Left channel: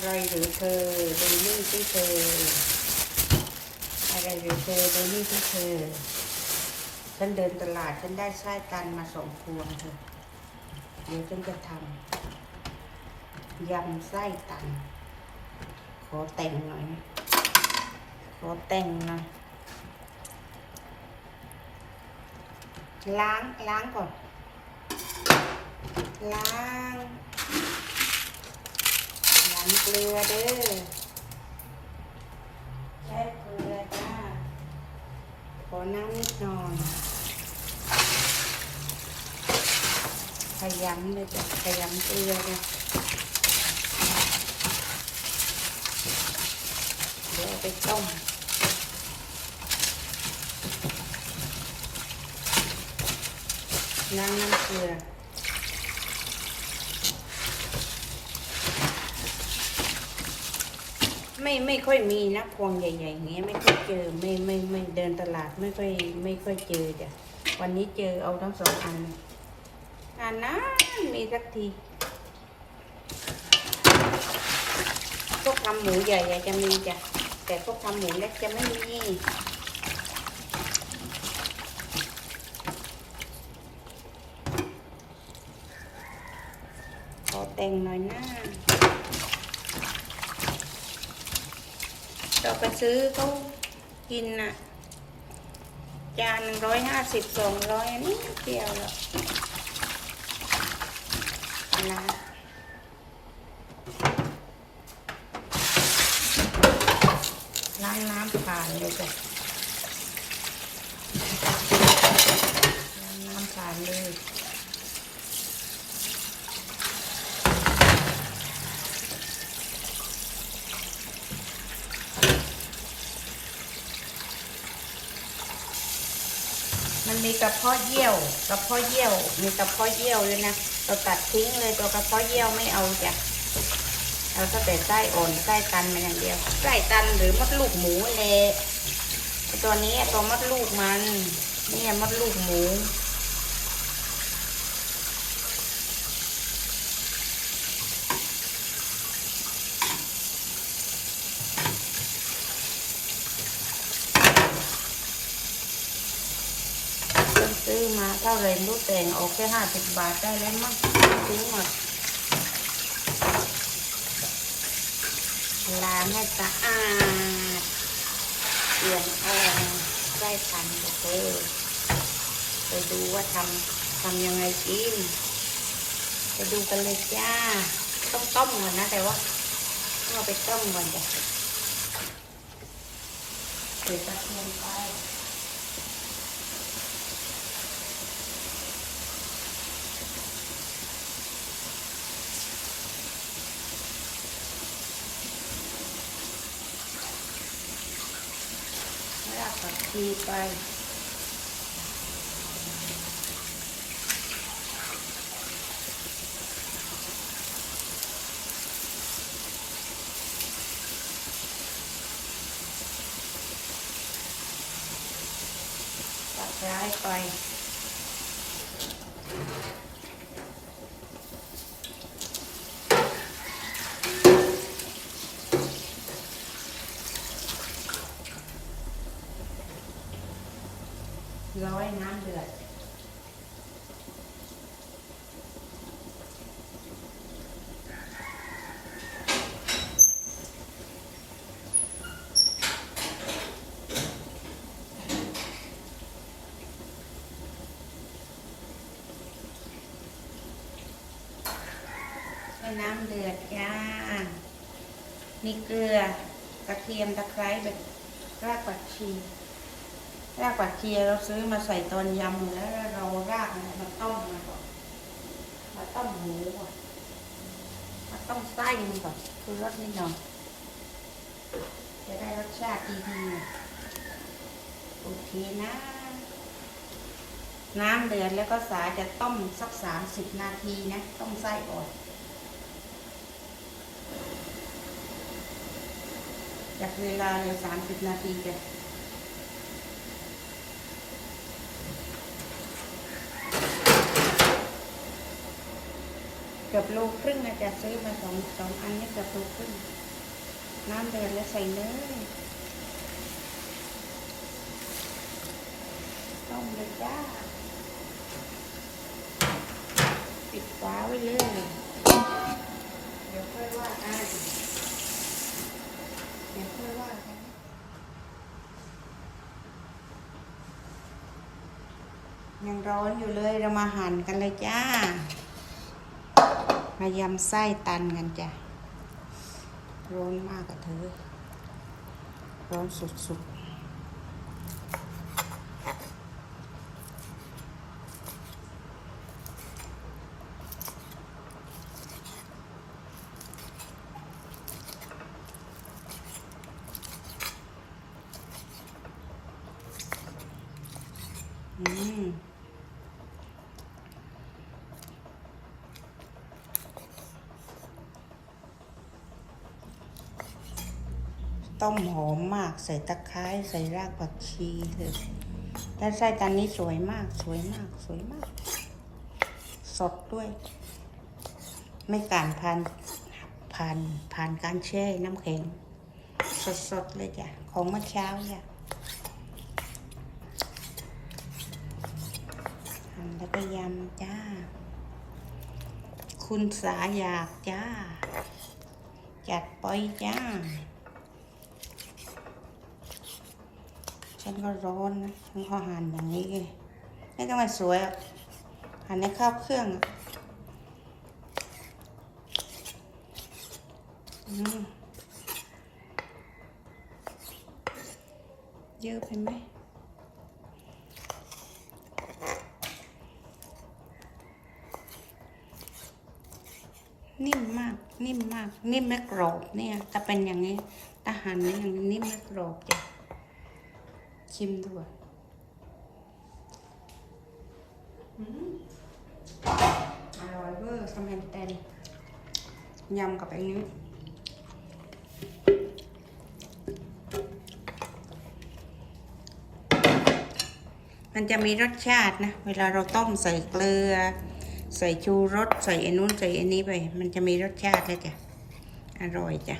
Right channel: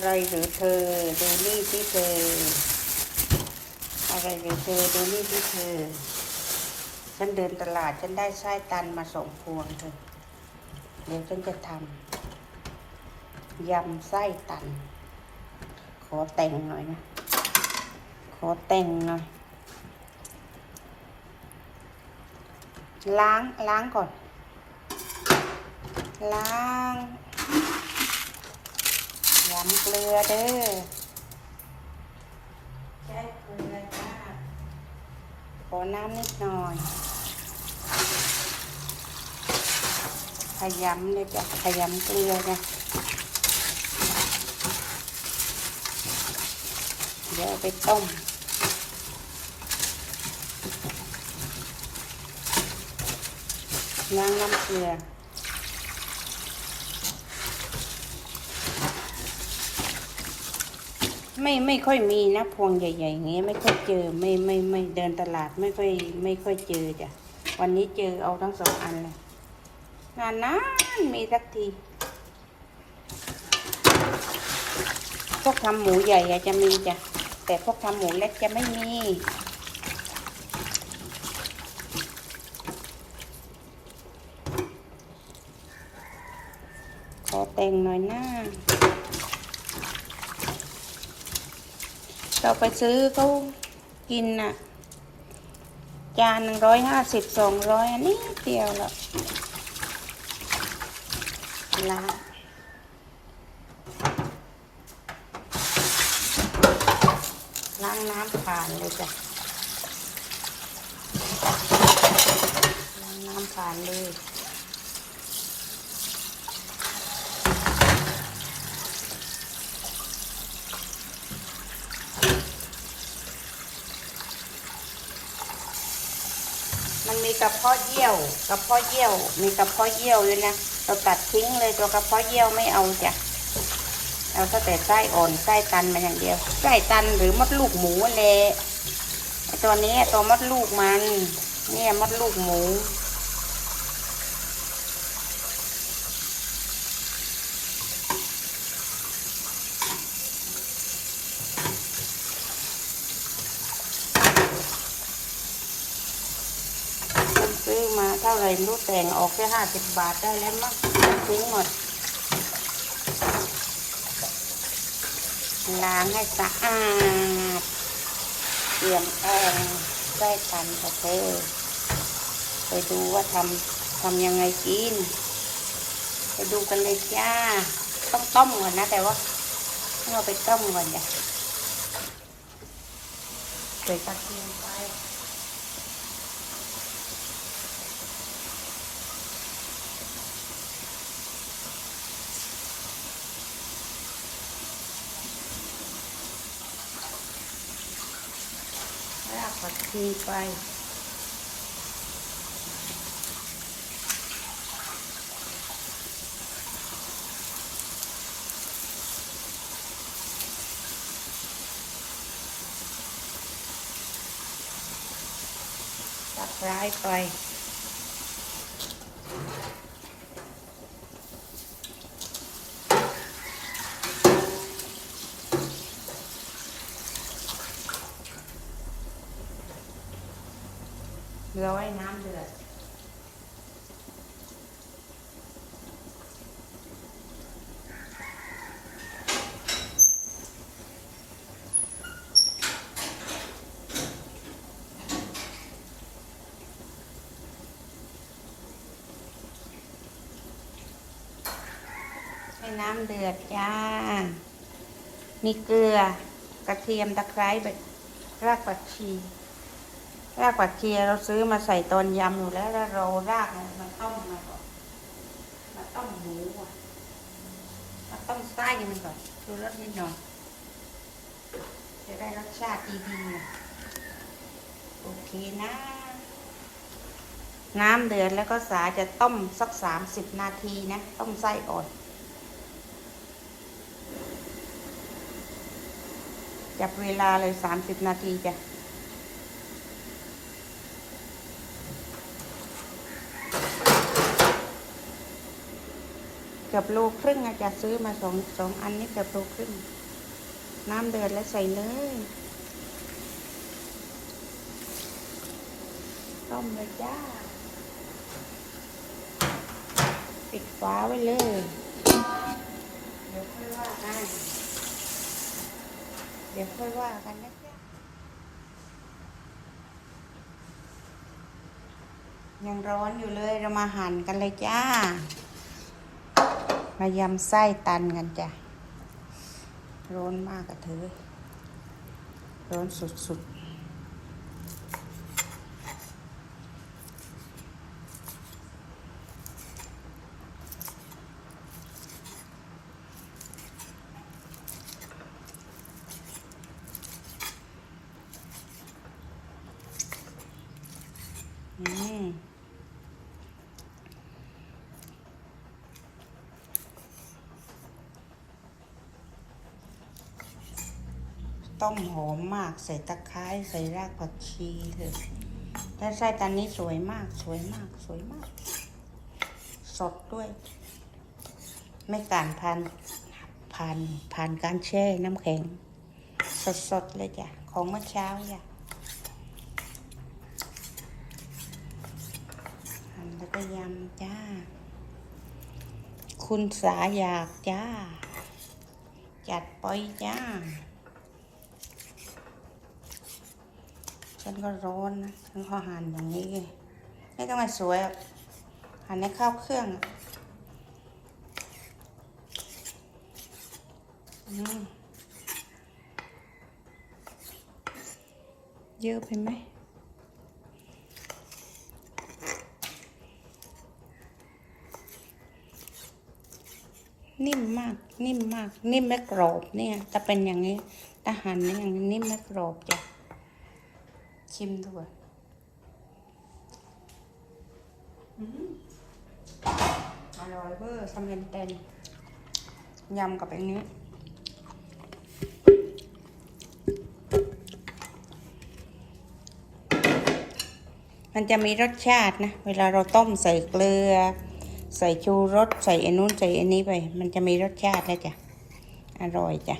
อะไรหรือเธอดูนี่ที่เธอ อะไรหรือเธอดูนี่ที่เธอ ฉันเดินตลาดฉันได้ไส้ตันมาสองพวงเธอเดี๋ยวฉันจะทำยำไส้ตัน ขอแต่งหน่อยนะขอแต่งหน่อยล้างล้างก่อน ล้าง เกลือเด้อใช้เกลือจ้าขอน้ำนิดหน่อยขยำเลยจ้ะขยำเกลือนะเดี๋ยวไปต้มน้ำน้ำเกลือ ไม่ไม่ค่อยมีนะพวงใหญ่ๆอย่างเงี้ยไม่ค่อยเจอไม่ไม่ไม่เดินตลาดไม่ค่อยไม่ค่อยเจอจ้ะวันนี้เจอเอาทั้งสองอันเลยงานนั้นมีสักทีพวกทำหมูใหญ่เนี่ยจะมีจ้ะแต่พวกทำหมูเล็กจะไม่มีขอแต่งหน่อยหน้า เราไปซื้อเขากินน่ะ จานหนึ่งร้อยห้าสิบสองร้อยอันนี้เดียวแล้วนะางน้ำผ่านเลยจ้ะล้างน้ำผ่านเลย มีกระเพาะเยี่ยว กระเพาะเยี่ยว มีกระเพาะเยี่ยวเลยนะเราตัดทิ้งเลยตัวกระเพาะเยี่ยวไม่เอาจ้ะเอาแต่ไส้อ่อนไส้ตันมาอย่างเดียวไส้ตันหรือมดลูกหมูเลยตัวนี้ตัวมดลูกมัน เนี่ยมดลูกหมู ซื้อาเท่าไรรู้แต่งออกแค่ห้าสิบบาทได้แล้วมั้งซื้อหมดล้างให้สะอาดเปลี่ยนแปลงได้ทันกับเธอไปดูว่าทำทำยังไงกินไปดูกันเลยจ้าต้องต้มก่อนนะแต่ว่าต้องเอาไปต้มก่อนจ้ะใส่ตะเกียงไป ผักชีไป ร้อยน้ำเดือด ให้น้ำเดือดจ้ามีเกลือ กระเทียม ตะไคร้แบบรากผักชี รากผักชีเราซื้อมาใส่ตอนยำอยู่แล้วแล้วเรารากมันมาต้มมาก่อนมาต้มหมูก่อนมาต้มไส้มันก่อนคือรสนิดหน่อยจะได้รสชาติดีๆโอเคนะ น้ำเดือดแล้วก็สาจะต้มสักสามสิบนาทีนะ ต้มไส้ก่อนจับเวลาเลยสามสิบนาทีจ้ะ กือบโลครึ่งอาจจะซื้อมาสองสองอันนี้เกือบโลครึ่ง น้ำเดือดแล้วใส่เลยต้มเลยจ้า ปิดฝาไว้เลย เดี๋ยวค่อยว่ากันเดี๋ยวค่อยว่ากันนะยังร้อนอยู่เลยเรามาหั่นกันเลยจ้า มายำไส้ตันกันจ้ะ ร้อนมากกับเธอร้อนสุดๆ อืม ต้มหอมมากใส่ตะไคร้ใส่รากผักชีเลยแล้วไส้ตันนี้สวยมากสวยมากสวยมาก สดด้วย ไม่การผ่านผ่านผ่านการแช่น้ำแข็งสดสดๆเลยจ้ะ ของเมื่อเช้าจ้ะหั่นแล้วก็ยำจ้า คุณสาอยากจ้า จัดไปจ้า ฉันก็ร้อนนะฉันก็หั่นอย่างนี้ไงไม่ต้องมาสวยหรอกหั่นในข้าวเครื่องอะเยอะไปไหมนิ่มมาก นิ่มมาก นิ่มและกรอบเนี่ยถ้าเป็นอย่างนี้ถ้าหั่นอย่างนี้นิ่มและกรอบจ้ะ ชิมดูอะอืมอร่อยเวอร์สำเร็จเต็นยำกับอันนี้มันจะมีรสชาตินะ เวลาเราต้มใส่เกลือ ใส่ชูรส ใส่อันนู้นใส่อันนี้ไป มันจะมีรสชาติแล้วจ้ะ อร่อยจ้ะ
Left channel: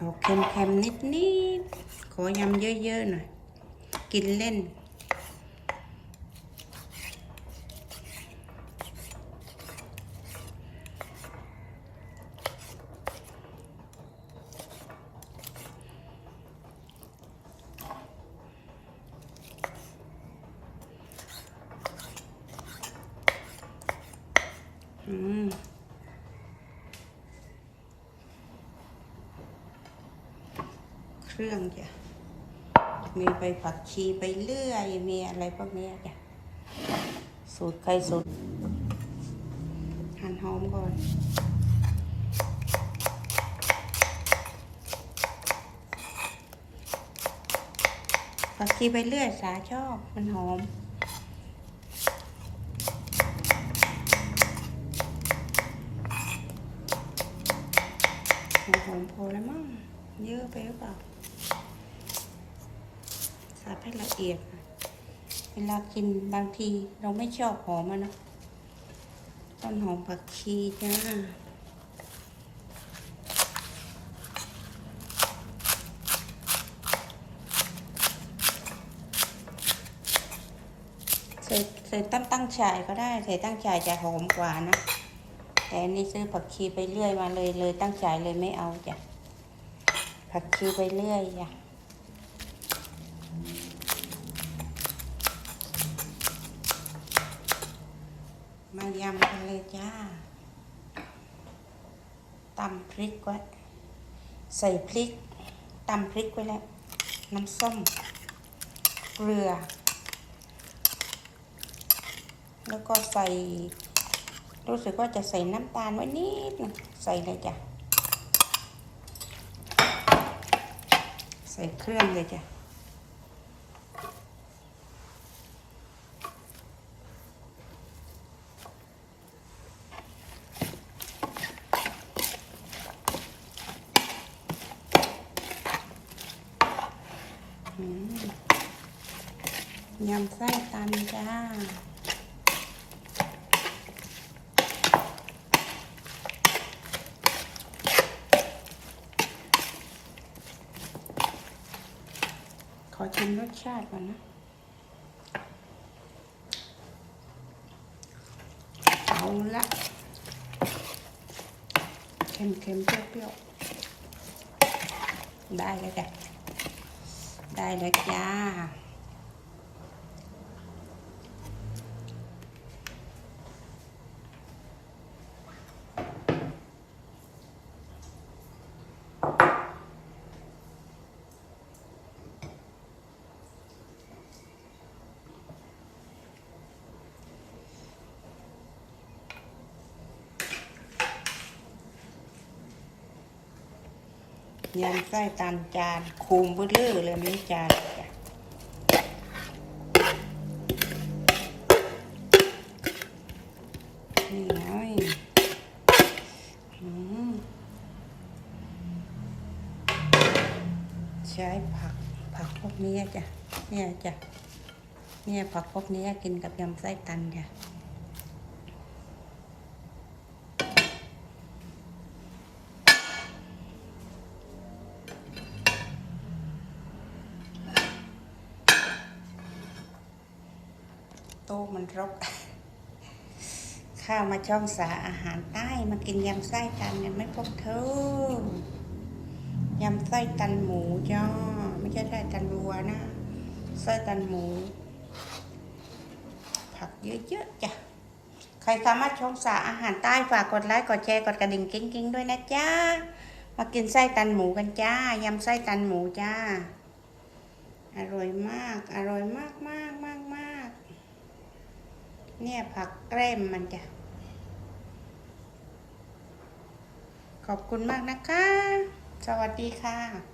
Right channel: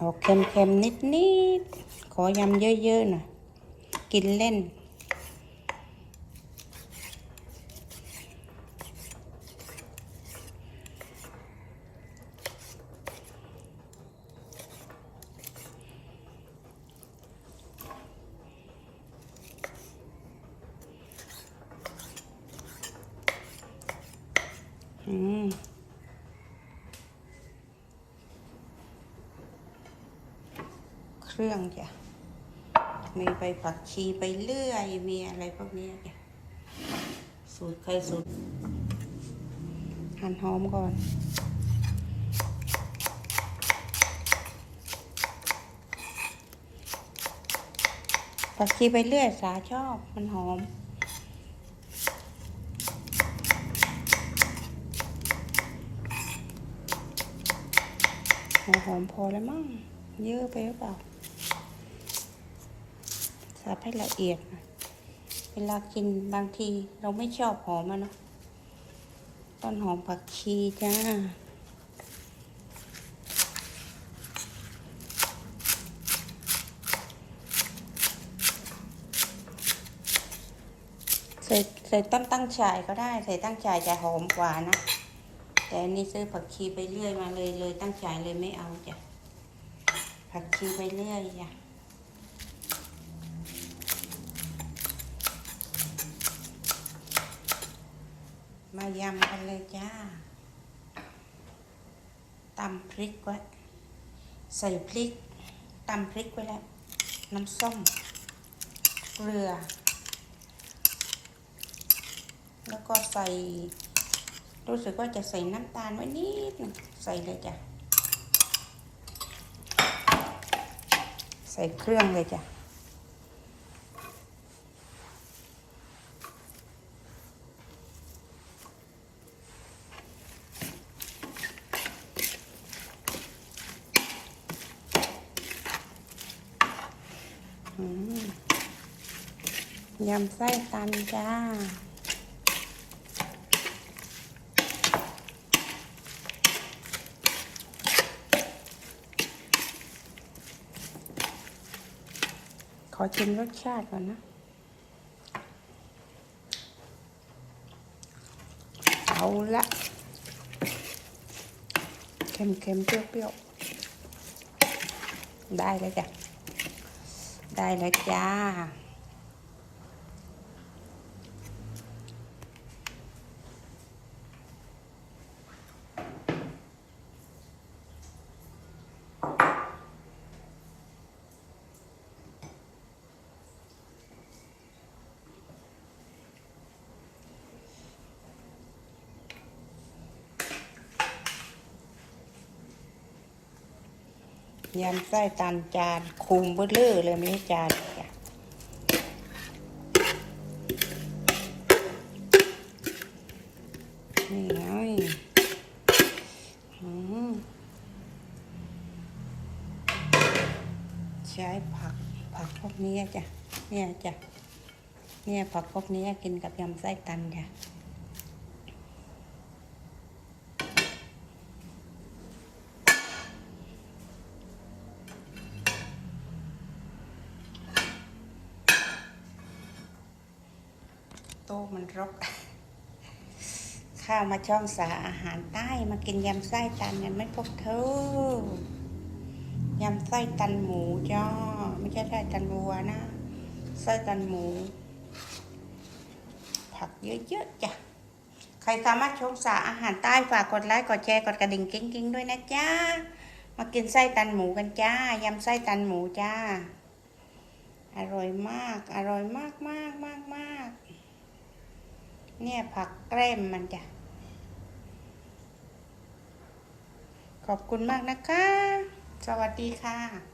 ออกเค็มๆนิดๆ ขอยำเยอะๆหน่อย กินเล่น อืมเครื่องจ้ะ มีใบผักชีไปเรื่อย มีอะไรพวกเนี้จ้ะสูตรใครสูตรหั่นหอมก่อนผักชีไปเรื่อยสาชอบมันหอมหอมพอแล้วมั้งเยอะไปหรือเปล่า สับให้ละเอียด เวลากินบางทีเราไม่ชอบหอมอะนะ ต้นหอมผักชีจ้าใส่ใส่ต้นตั้งฉายก็ได้ ใส่ตั้งฉายจะหอมกว่านะ แต่นนี้ซื้อผักชีไปเรื่อยมาเลยเลยตั้งฉายเลยไม่เอาจ้ะผักชีไปเรื่อยจ้ะายำกันเลยจ้าตำพริกไว้ใส่พริกตำพริกไว้แล้ว น้ำส้ม เกลือ แล้วก็ใส่ รู้สึกว่าจะใส่น้ำตาลไว้นิดนึงใส่เลยจ้ะ ใส่เครื่องเลยจ้ะ ยำไส้ตันจ้า ขอชิมรสชาติก่อนนะเอาละเค็มๆเปรี้ยวๆ ได้แล้วจ้ะได้แล้วจ้า ยำไส้ตันจานคุมเบอร์เลอเลยม่จานนี่ไงใช้ผักผักพวกนี้จ้ะเนี่ยจ้ะเนี่ยผักพวกนี้กินกับยำไส้ตันจ้ะ ต๊ะมันรก ข้าวมาช่องสาอาหารใต้มากินยำไส้ตันกันไหมพวกเธอยำไส้ตันหมูจ้าไม่ใช่ไส้ตันวัวนะไส้ตันหมู ผักเยอะๆจ้ะใครสามารถชมสาอาหารใต้ฝากกดไลค์กดแชร์กดกระดิ่งกิ้งๆด้วยนะจ้ามากินไส้ตันหมูกันจ้ายำไส้ตันหมูจ้าอร่อยมาก อร่อยมากมากมากมาก เนี่ยผักแกล้มมันจ้ะ ขอบคุณมากนะคะ สวัสดีค่ะ